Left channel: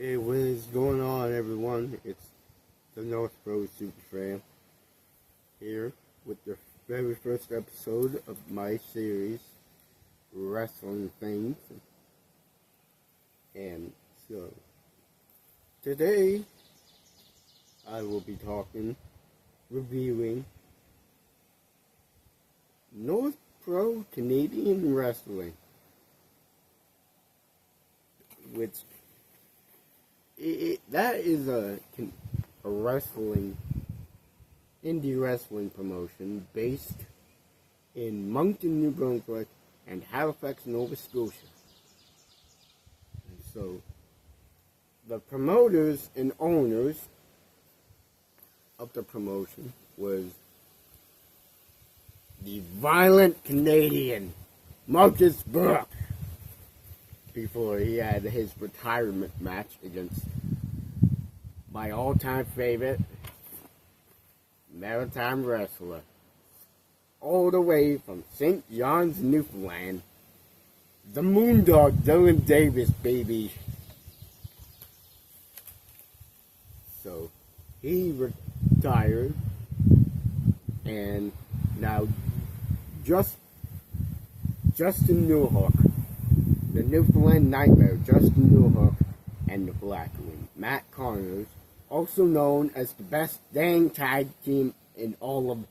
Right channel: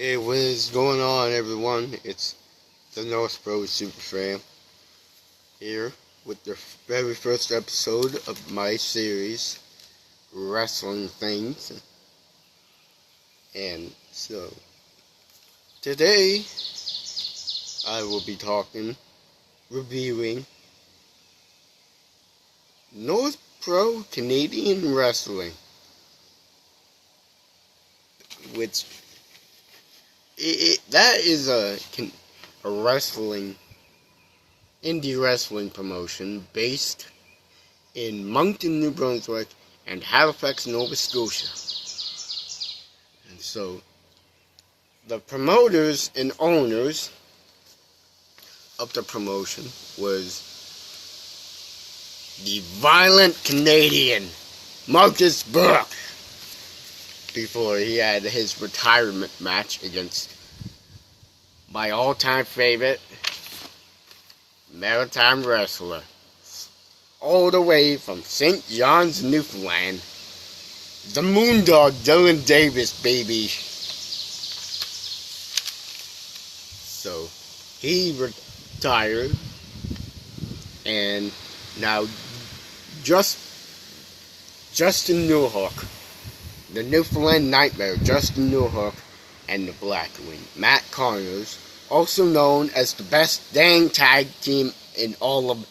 Hey, what is going on, everyone? It's the North Pro Super Fan here with the very first episode of my series, Wrestling Things. And so, today, I will be reviewing North Pro Canadian Wrestling, which that is a indie wrestling promotion based in Moncton, New Brunswick, and Halifax, Nova Scotia. And so, the promoters and owners of the promotion was the violent Canadian Marcus Burke, before he had his retirement match against my all-time favorite maritime wrestler, all the way from St. John's, Newfoundland, the Moondog Dylan Davis, baby. So, he retired, and now Justin Newhook, the Newfoundland Nightmare, Justin Newhook, and the Blackwing, Matt Connors, also known as the best dang tag team in all of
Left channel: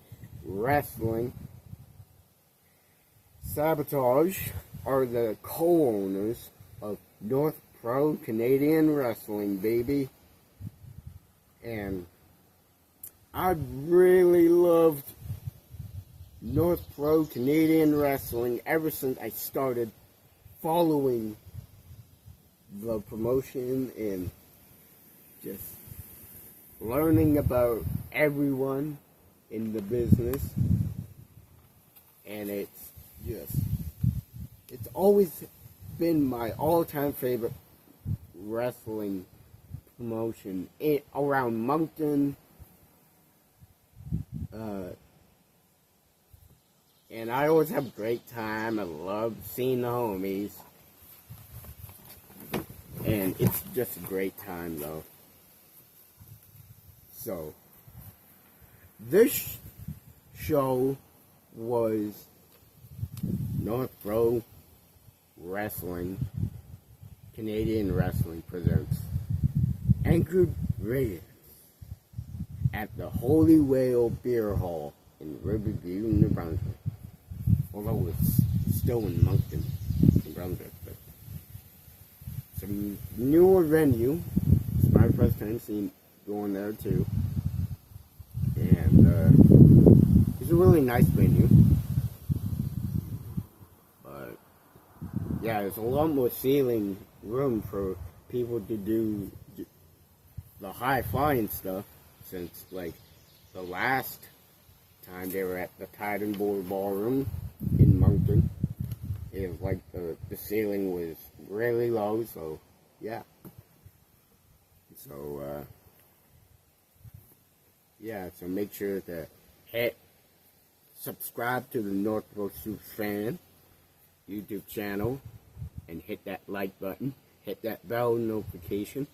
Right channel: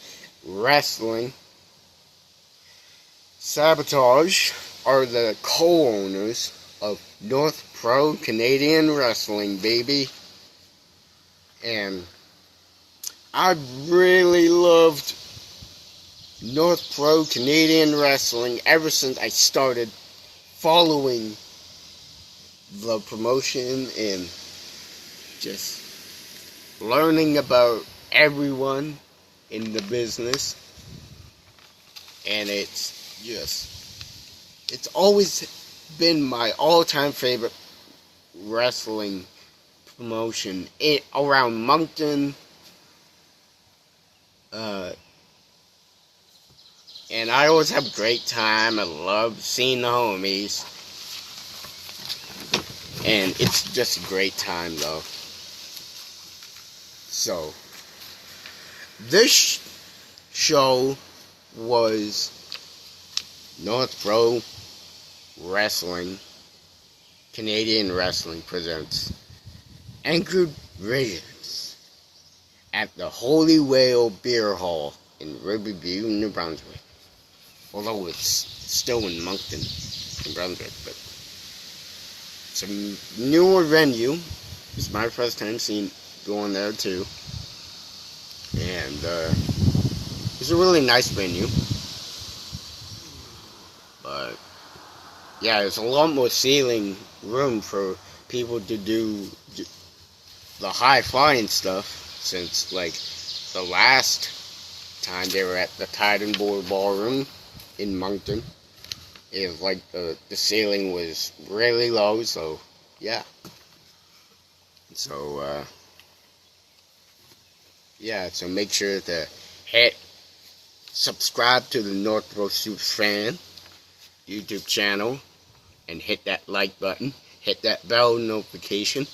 wrestling, Sabotage, are the co-owners of North Pro Canadian Wrestling, baby. And I really loved North Pro Canadian Wrestling ever since I started following the promotion and just learning about everyone in the business. And it's always been my all-time favorite wrestling promotion around Moncton. And I always have a great time. I love seeing the homies. And it's just a great time, though. So, this show was North Pro Wrestling, Canadian Wrestling presents Anchored Visions at the Holy Whale Beer Hall in Riverview, New Brunswick. Although it's still in Moncton, New Brunswick, but it's a newer venue. It's my first time going there too, and it's a really nice venue. But yeah, there's a lot more ceiling room for people to do the high flying stuff, since like the last time they were at the Titan Board Ballroom in Moncton, is like the ceiling was really low. So yeah, so so make sure to subscribe to the North Pro Super Fan YouTube channel, and hit that like button, hit that bell notification,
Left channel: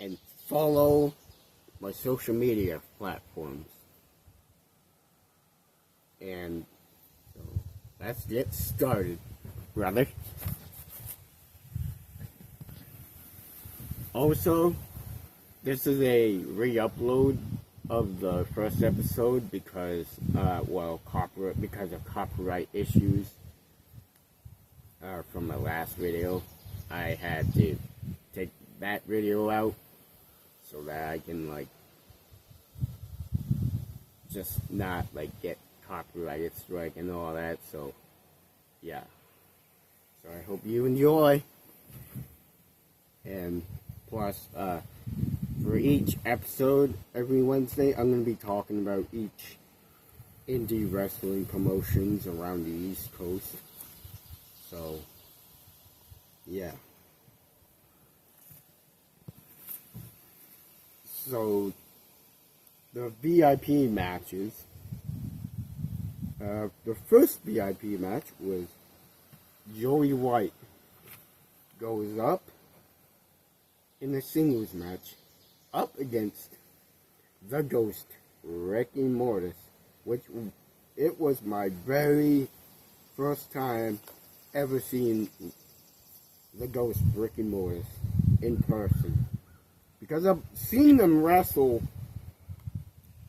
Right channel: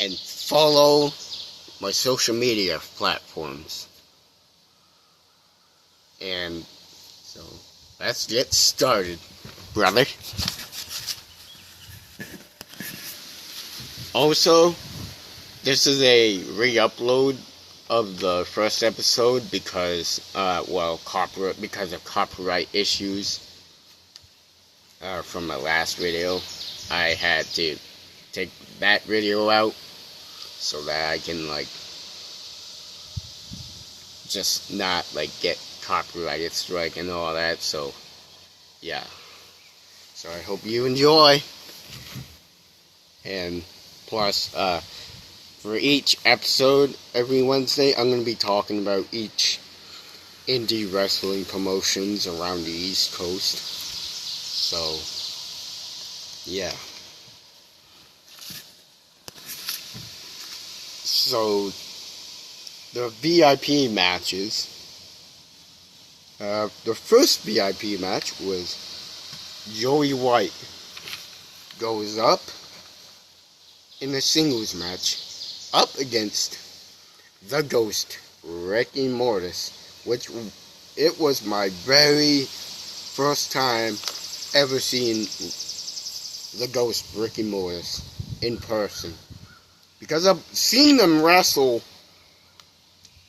and follow my social media platforms. And so, let's get started, brother. Also, this is a re-upload of the first episode because, because of copyright issues from my last video. I had to take that video out so that I can, just not, get copyrighted strike and all that. So yeah, so I hope you enjoy. And plus, for each episode every Wednesday, I'm going to be talking about each indie wrestling promotions around the East Coast. So yeah, so the VIP matches. The first VIP match was Joey White goes up in a singles match up against the Ghost, Ricky Mortis, which it was my very first time ever seeing the Ghost, Ricky Mortis, in person. Because I've seen them wrestle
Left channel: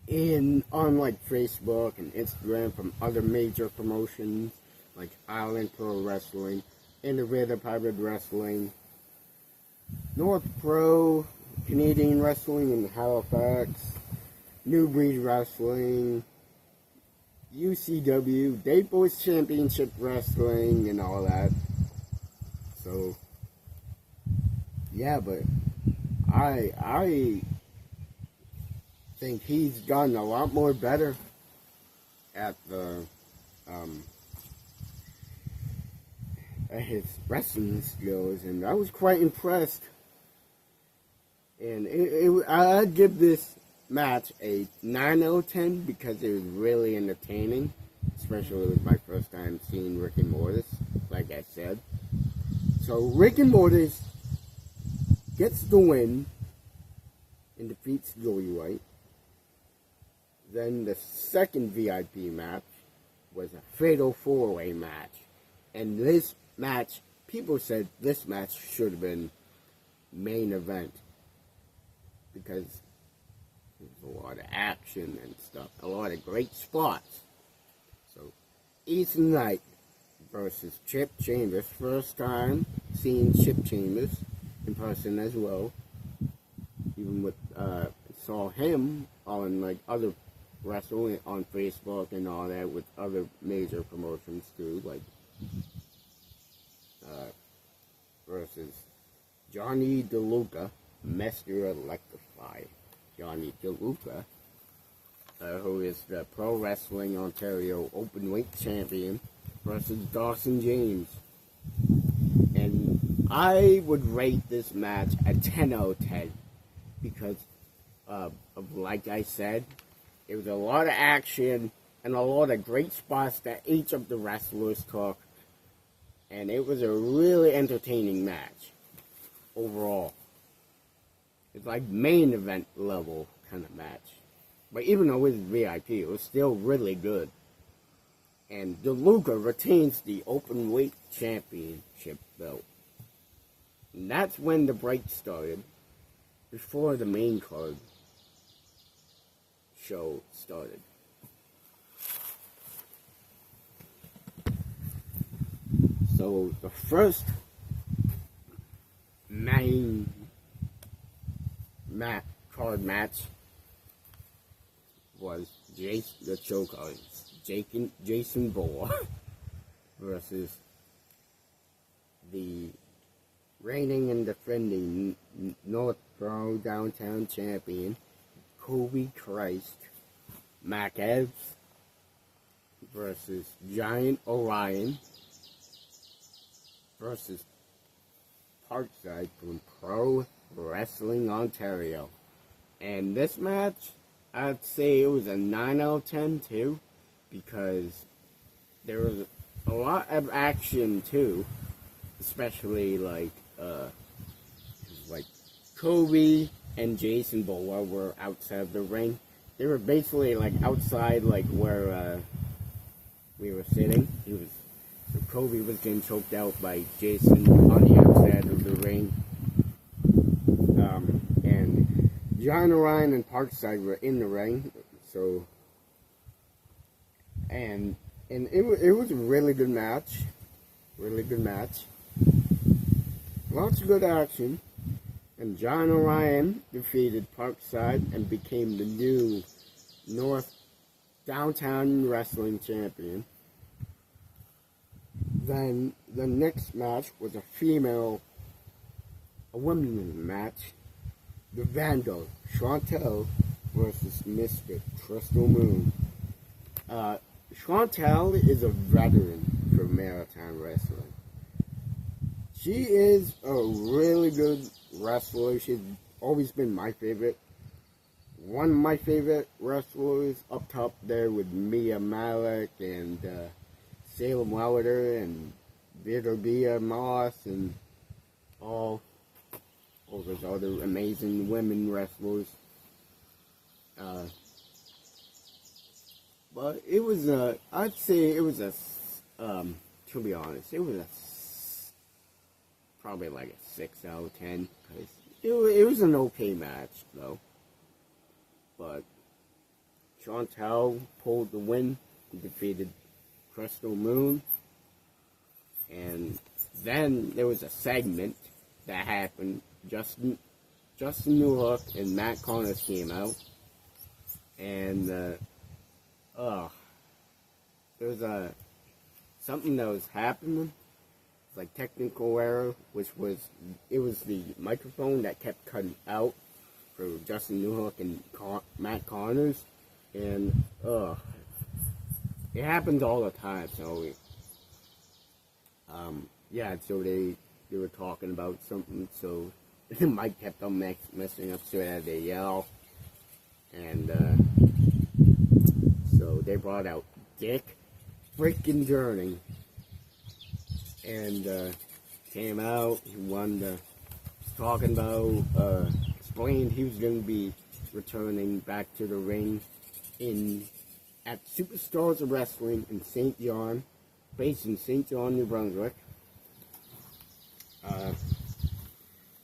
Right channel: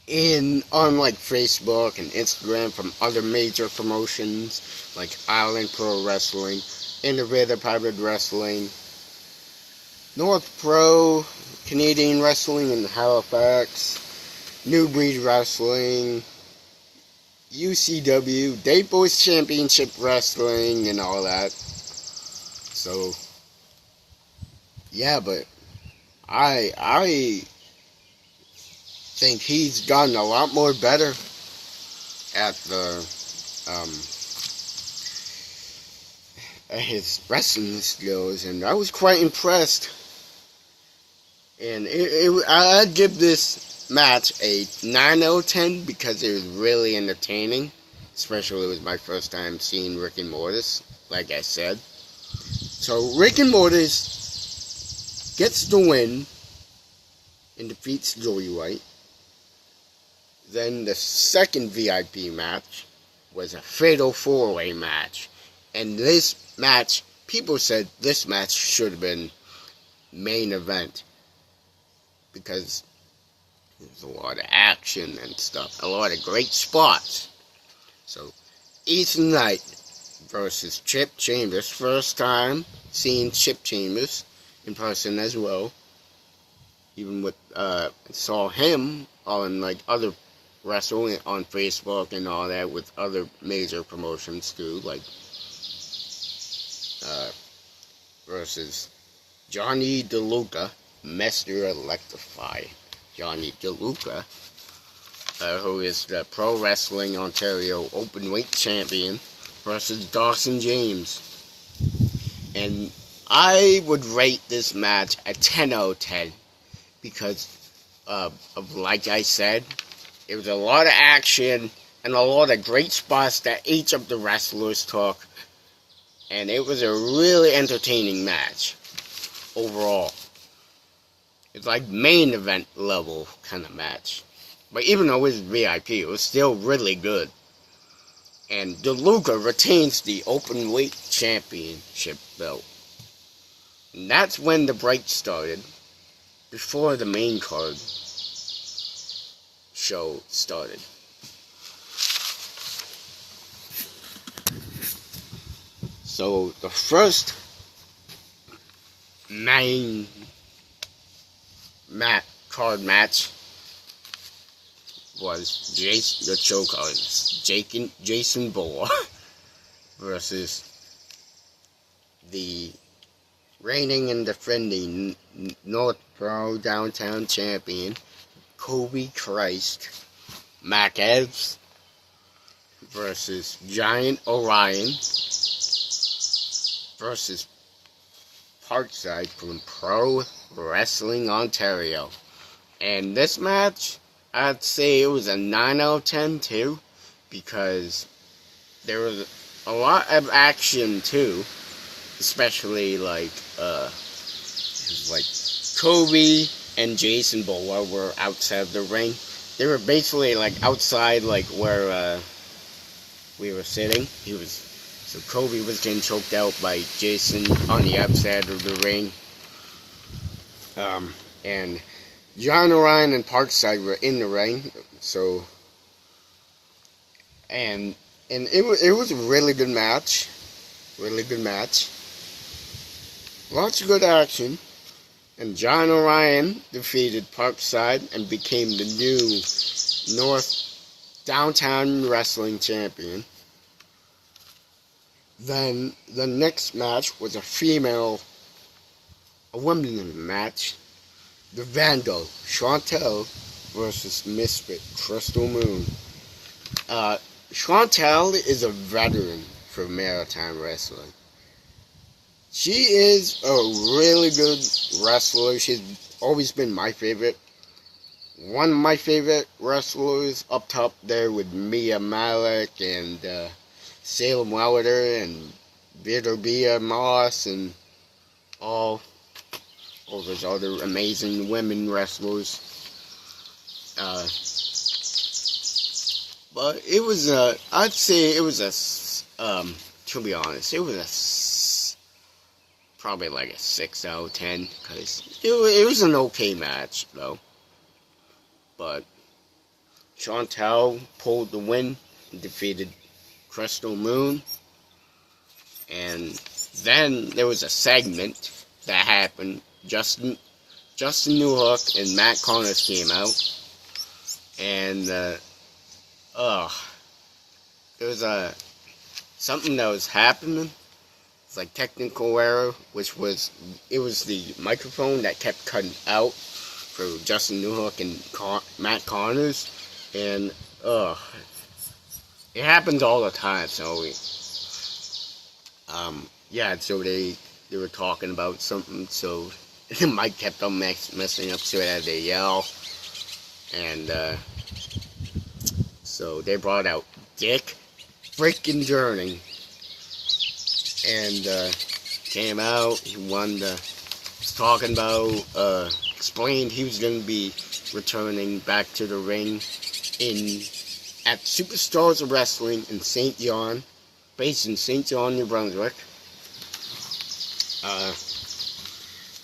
on like Facebook and Instagram from other major promotions like Island Pro Wrestling, Innovative Hybrid Wrestling, North Pro, Canadian Wrestling in Halifax, New Breed Wrestling, UCW, Day Boys Championship Wrestling, and all that. So, yeah, but I think he's gotten a lot more better at at his wrestling skills, and I was quite impressed. And I'd give this match a 9 out of 10 because it was really entertaining. Especially it was my first time seeing Rick and Mortis, like I said. So Rick and Mortis gets the win and defeats Joey White. Then the second VIP match was a fatal 4-way match. And this match, people said this match should have been main event. Because there's a lot of action and stuff. A lot of great spots. So, Ethan Knight versus Chip Chambers. First time seeing Chip Chambers in person as well. Even with, saw him on like other wrestling on Facebook and all that with other major promotions too. Like, versus Johnny DeLuca. Mr. Electrify, Johnny DeLuca, who is the Pro Wrestling Ontario Openweight Champion, versus Dawson James. And I would rate this match a 10 out of 10 because of, like I said, it was a lot of action and a lot of great spots that each of the wrestlers took. And it was a really entertaining match overall. It's like main event level kind of match. But even though it was VIP, it was still really good. And DeLuca retains the Openweight Championship belt. And that's when the break started. Before the main card show started. So the first main card match was Jason Bourne versus the reigning and defending North Pro Downtown Champion Kobe Christ Mac Evans versus Giant Orion versus Parkside from Pro Wrestling Ontario. And this match, I'd say it was a 9 out of 10 too, because there was a lot of action too, especially like Kobe and Jason Bourne were outside of the ring. They were basically like outside, like where we were sitting. So Kobe was getting choked out by Jason on the outside of the ring. And John Orion and Parkside were in the ring. So, and it was a really good match. Really good match. Lots of good action. And John Orion defeated Parkside and became the new North Downtown Wrestling Champion. Then the next match was a women's match. The Vandal, Chantel versus Misfit, Crystal Moon. Chantel is a veteran for maritime wrestling. She is a really good wrestler. She's always been my favorite. One of my favorite wrestlers up top there with Mia Malik and Salem Wilder and Victoria Moss and all all those other amazing women wrestlers. But it was I'd say it was to be honest, it was probably like a 6 out of 10, because it was an okay match, though. But Chantal pulled the win and defeated Crystal Moon. And then there was a segment that happened. Justin Newhook and Matt Connors came out. And, there was something that was happening. It's like technical error, it was the microphone that kept cutting out for Justin Newhook and Matt Connors. And, it happens all the time, so yeah, so they were talking about something, so the mic kept on messing up, so they had to yell. And, so they brought out Dick freaking Journey. And, came out, he was talking about, explained he was going to be returning back to the ring at Superstars of Wrestling in St. John, based in St. John, New Brunswick,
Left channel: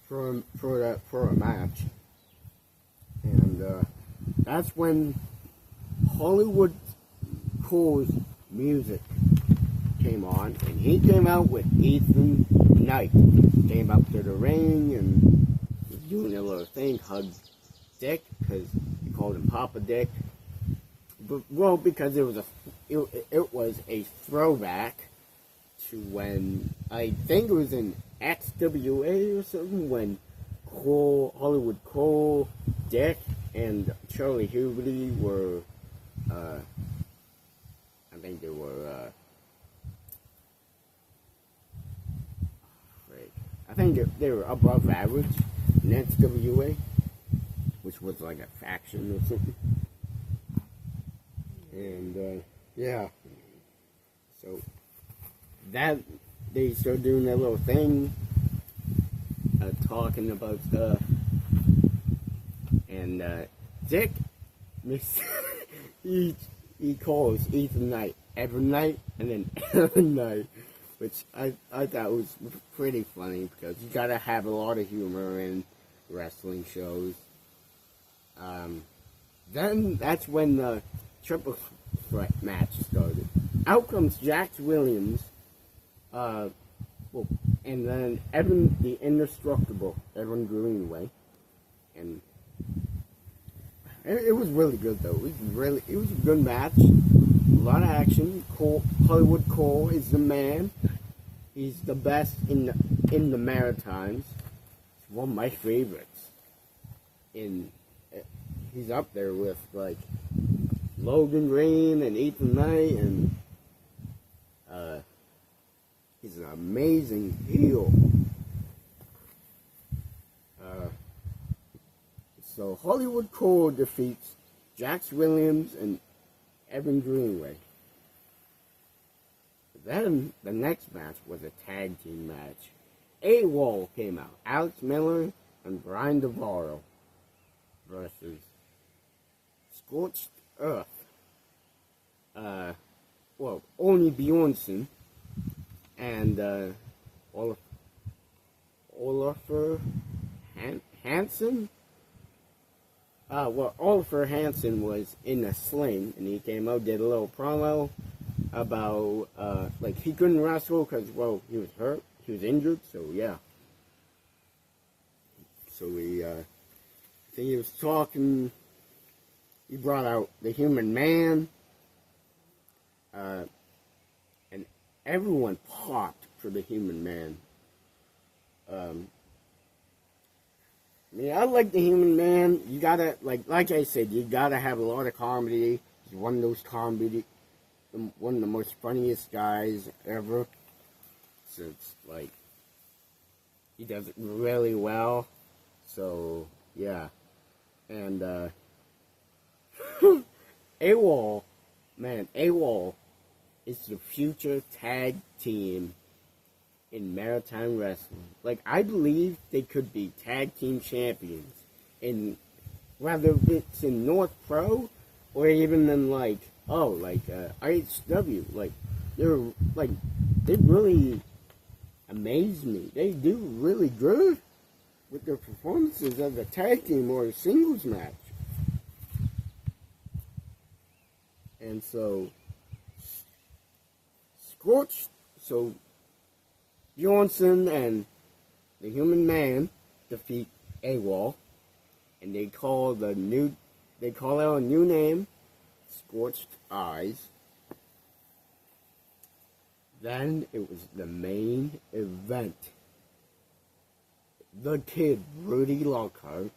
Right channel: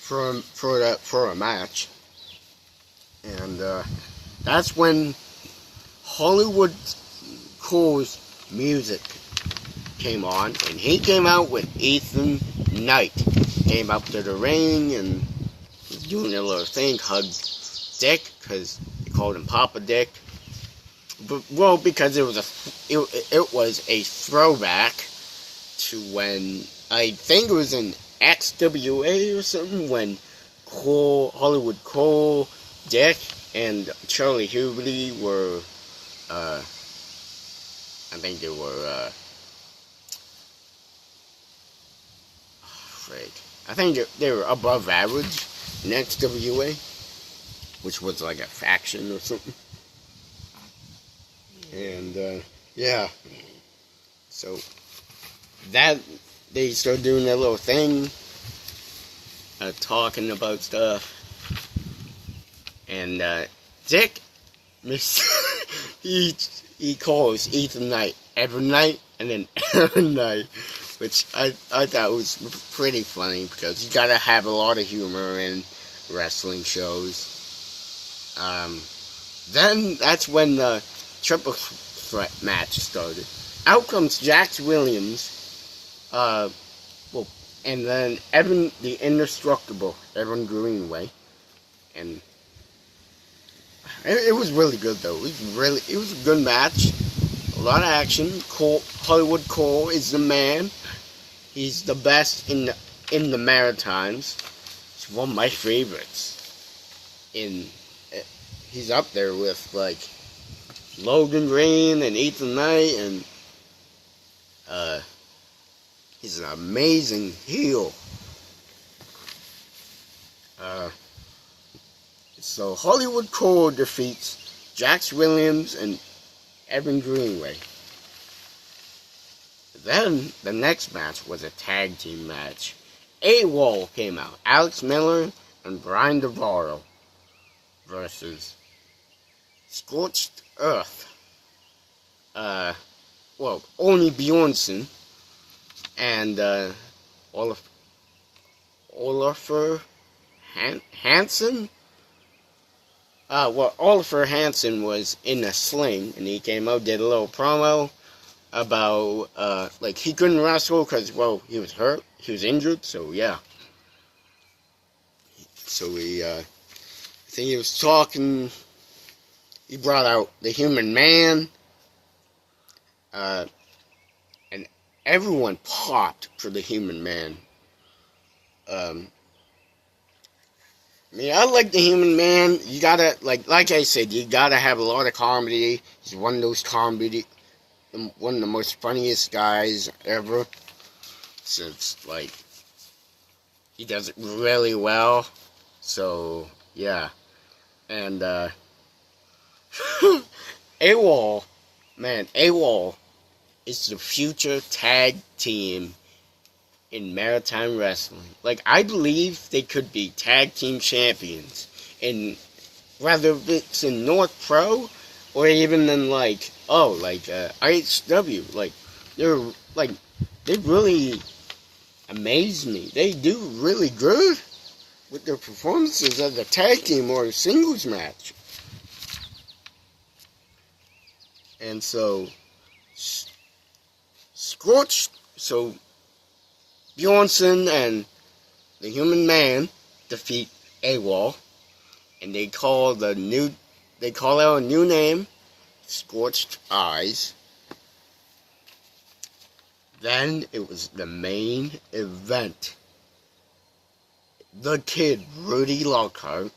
for a match. And that's when Hollywood Cole's music came on, and he came out with Ethan Knight. Came up to the ring and was doing a little thing, hugged Dick, because they called him Papa Dick. But, well, because it was a throwback to when, I think it was in XWA or something, when Hollywood Cole, Dick, and Charlie Huberty were, I think they were, I think they were above average in XWA, which was like a faction or something. And, yeah. So, that, they started doing that little thing, talking about stuff. And, Dick, he calls Ethan Knight every night, and then every night, which I thought was pretty funny, because you gotta have a lot of humor in wrestling shows. Then that's when the triple threat match started. Out comes Jax Williams, and then Evan the Indestructible, Evan Greenway, and it was really good though. It was a good match. A lot of action. Hollywood Cole is the man. He's the best in the Maritimes. He's one of my favorites. He's up there with like Logan Green and Ethan Knight, and he's an amazing heel. So Hollywood Cole defeats Jax Williams and Evan Greenway. Then the next match was a tag team match. AWOL came out. Alex Miller and Brian DeVaro versus Scorched Earth. Only Bjornsson and Olafur Hansen. Olafur Hansen was in a sling, and he came out, did a little promo about, he couldn't wrestle because, he was hurt, he was injured, so yeah. So I think he was talking, he brought out the Human Man, and everyone popped for the Human Man. I like the Human Man. You gotta, like I said, you gotta have a lot of comedy. He's one of those one of the most funniest guys ever. Since, he does it really well. So, yeah. And, AWOL is the future tag team in Maritime Wrestling. Like, I believe they could be tag team champions. And whether it's in North Pro or even in, like, IHW. Like, they really amaze me. They do really good with their performances as a tag team or a singles match. And so, Bjornsson and the Human Man defeat AWOL, and they call out a new name, Scorched Eyes. Then it was the main event. The Kid, Rudy Lockhart,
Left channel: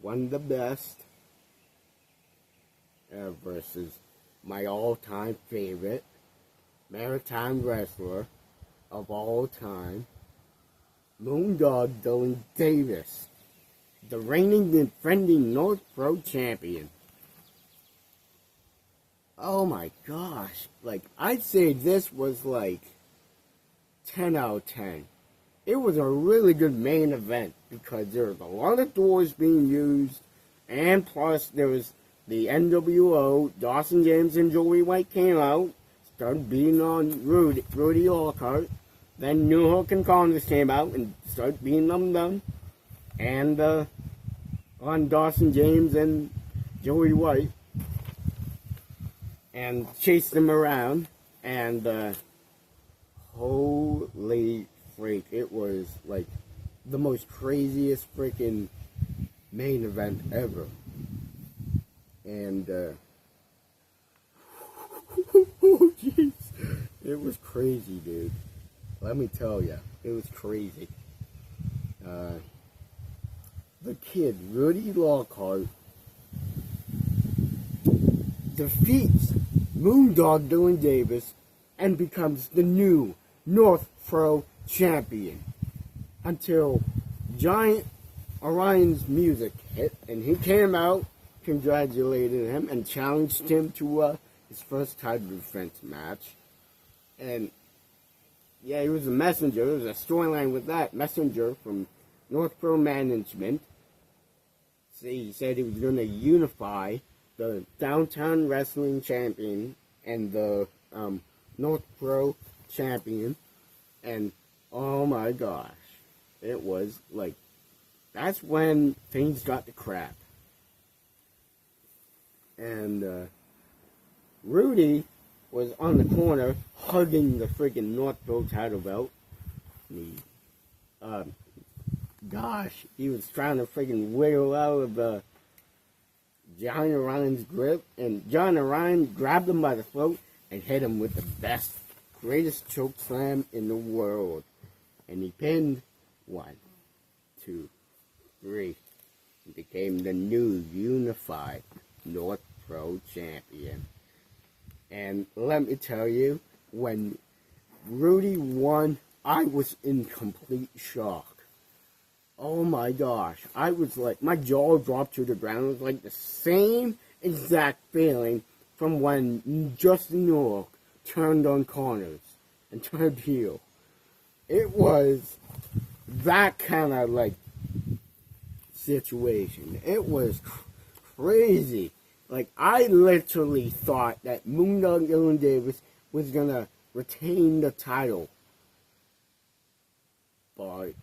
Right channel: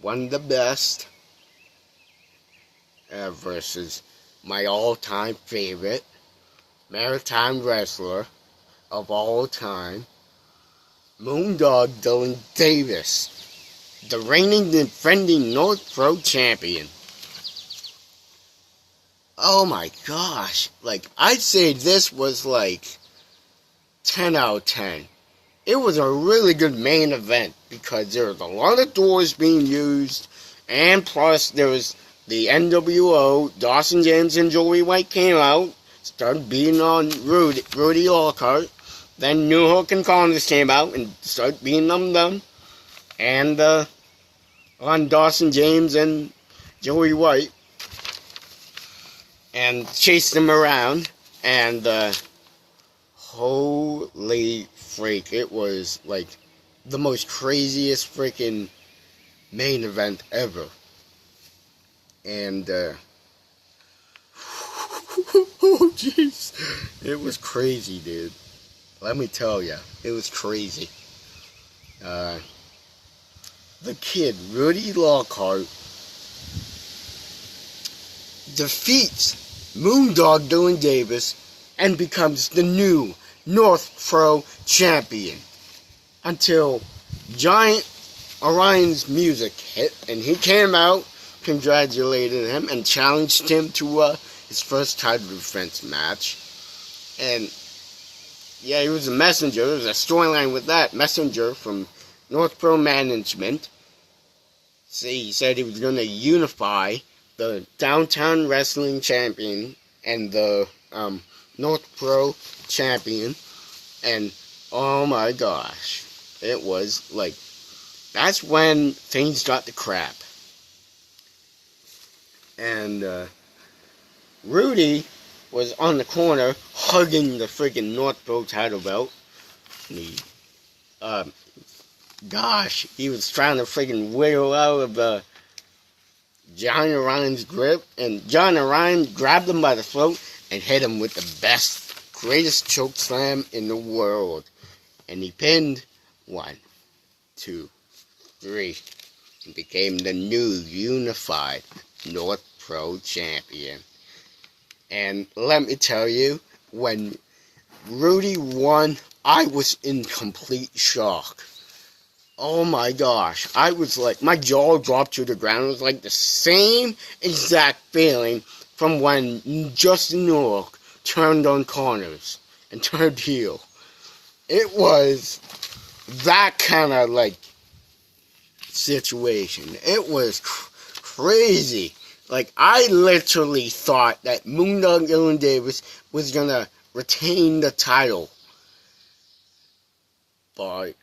one of the best, versus my all-time favorite Maritime wrestler of all time, Moondog Dylan Davis, the reigning defending North Pro champion. Oh my gosh, like, I'd say this was like 10 out of 10. It was a really good main event because there was a lot of doors being used, and plus there was the NWO, Dawson James and Joey White came out, started beating on Rudy Lockhart. Then New Hook and Connors came out and started beating on them. And on Dawson James and Joey White. And chased them around. And holy freak, it was like the most craziest freaking main event ever. And oh jeez, it was crazy, dude. Let me tell ya, it was crazy. The Kid, Rudy Lockhart, defeats Moondog Dylan Davis and becomes the new North Pro champion until Giant Orion's music hit and he came out, congratulated him, and challenged him to his first title defense match. And yeah, he was a messenger. There was a storyline with that messenger from North Pro Management. See, he said he was going to unify the Downtown Wrestling Champion and the North Pro Champion. And oh my gosh, it was like, that's when things got to crap. And Rudy was on the corner hugging the freaking North Pro title belt. And he, he was trying to freaking wiggle out of John Orion's grip, and John Orion grabbed him by the throat and hit him with the best, greatest choke slam in the world. And he pinned 1, 2, 3, and became the new unified North Pro champion. And let me tell you, when Rudy won, I was in complete shock. Oh my gosh, I was like, my jaw dropped to the ground. It was like the same exact feeling from when Justin Nork turned on Connors and turned heel. It was that kind of like situation. It was crazy. Like, I literally thought that Moondog Dylan Davis was gonna retain the title. But,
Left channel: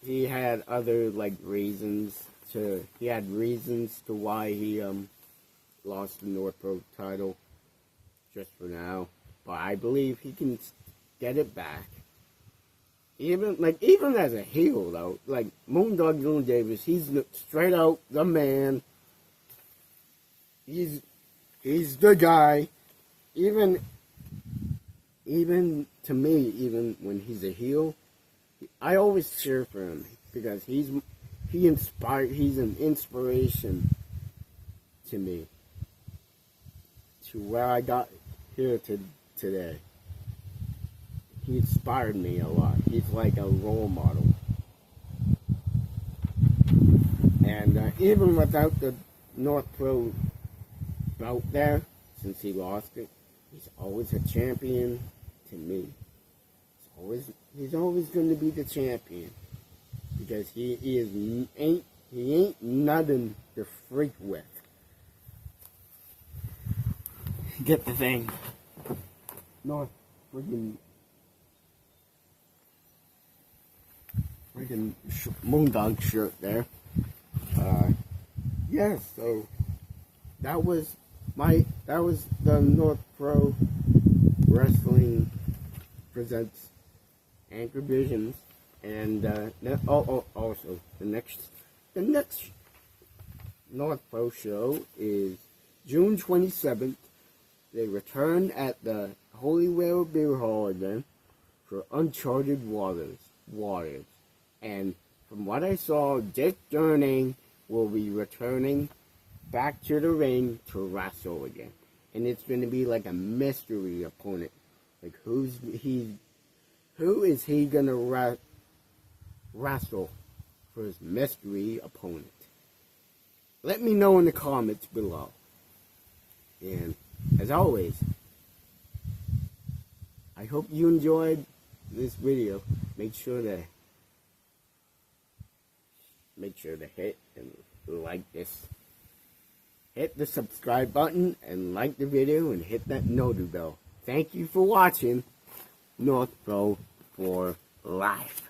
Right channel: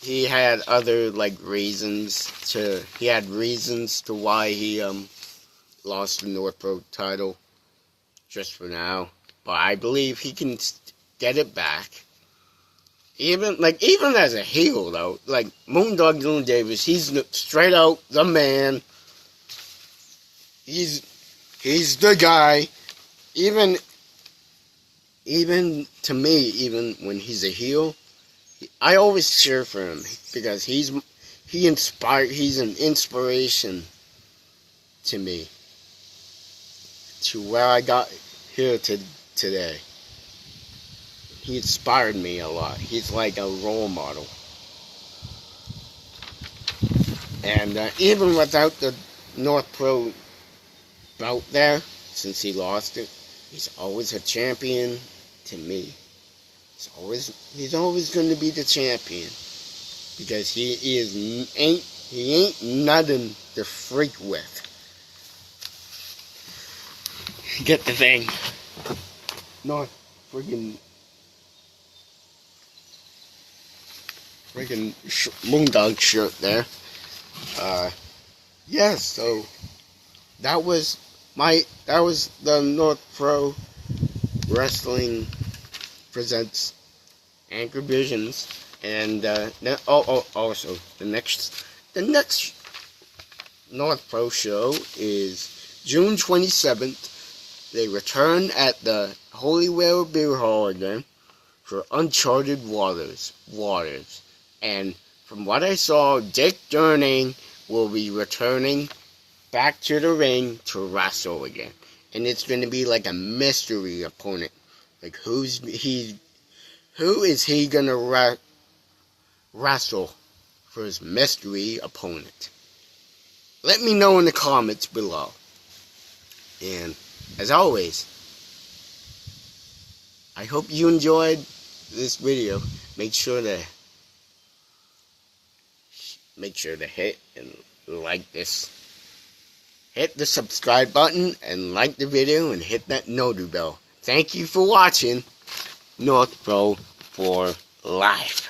he had other, like, reasons to why he, lost the North Pro title, just for now. But I believe he can get it back. Even as a heel, though, like, Moondog Dylan Davis, he's straight out the man. He's the guy. Even to me, even when he's a heel, I always cheer for him because he's an inspiration to me, to where I got here today. He inspired me a lot. He's like a role model. And even without the North Pro belt there, since he lost it, He's always a champion to me. He's always going to be the champion because he ain't nothing to freak with. Get the thing. No, freaking Moondog shirt there. Yeah, so that was the North Pro Wrestling presents Anchor Visions, and also the next North Pro show is June 27th. They return at the Holy Whale Beer Hall again for Uncharted Waters. And from what I saw, Dick Durning will be returning back to the ring to wrestle again. And it's going to be like a mystery opponent. Like, who is he going to wrestle for his mystery opponent? Let me know in the comments below. And as always, I hope you enjoyed this video. Make sure to hit and like this. Hit the subscribe button and like the video and hit that notification bell. Thank you for watching North Pro for Life.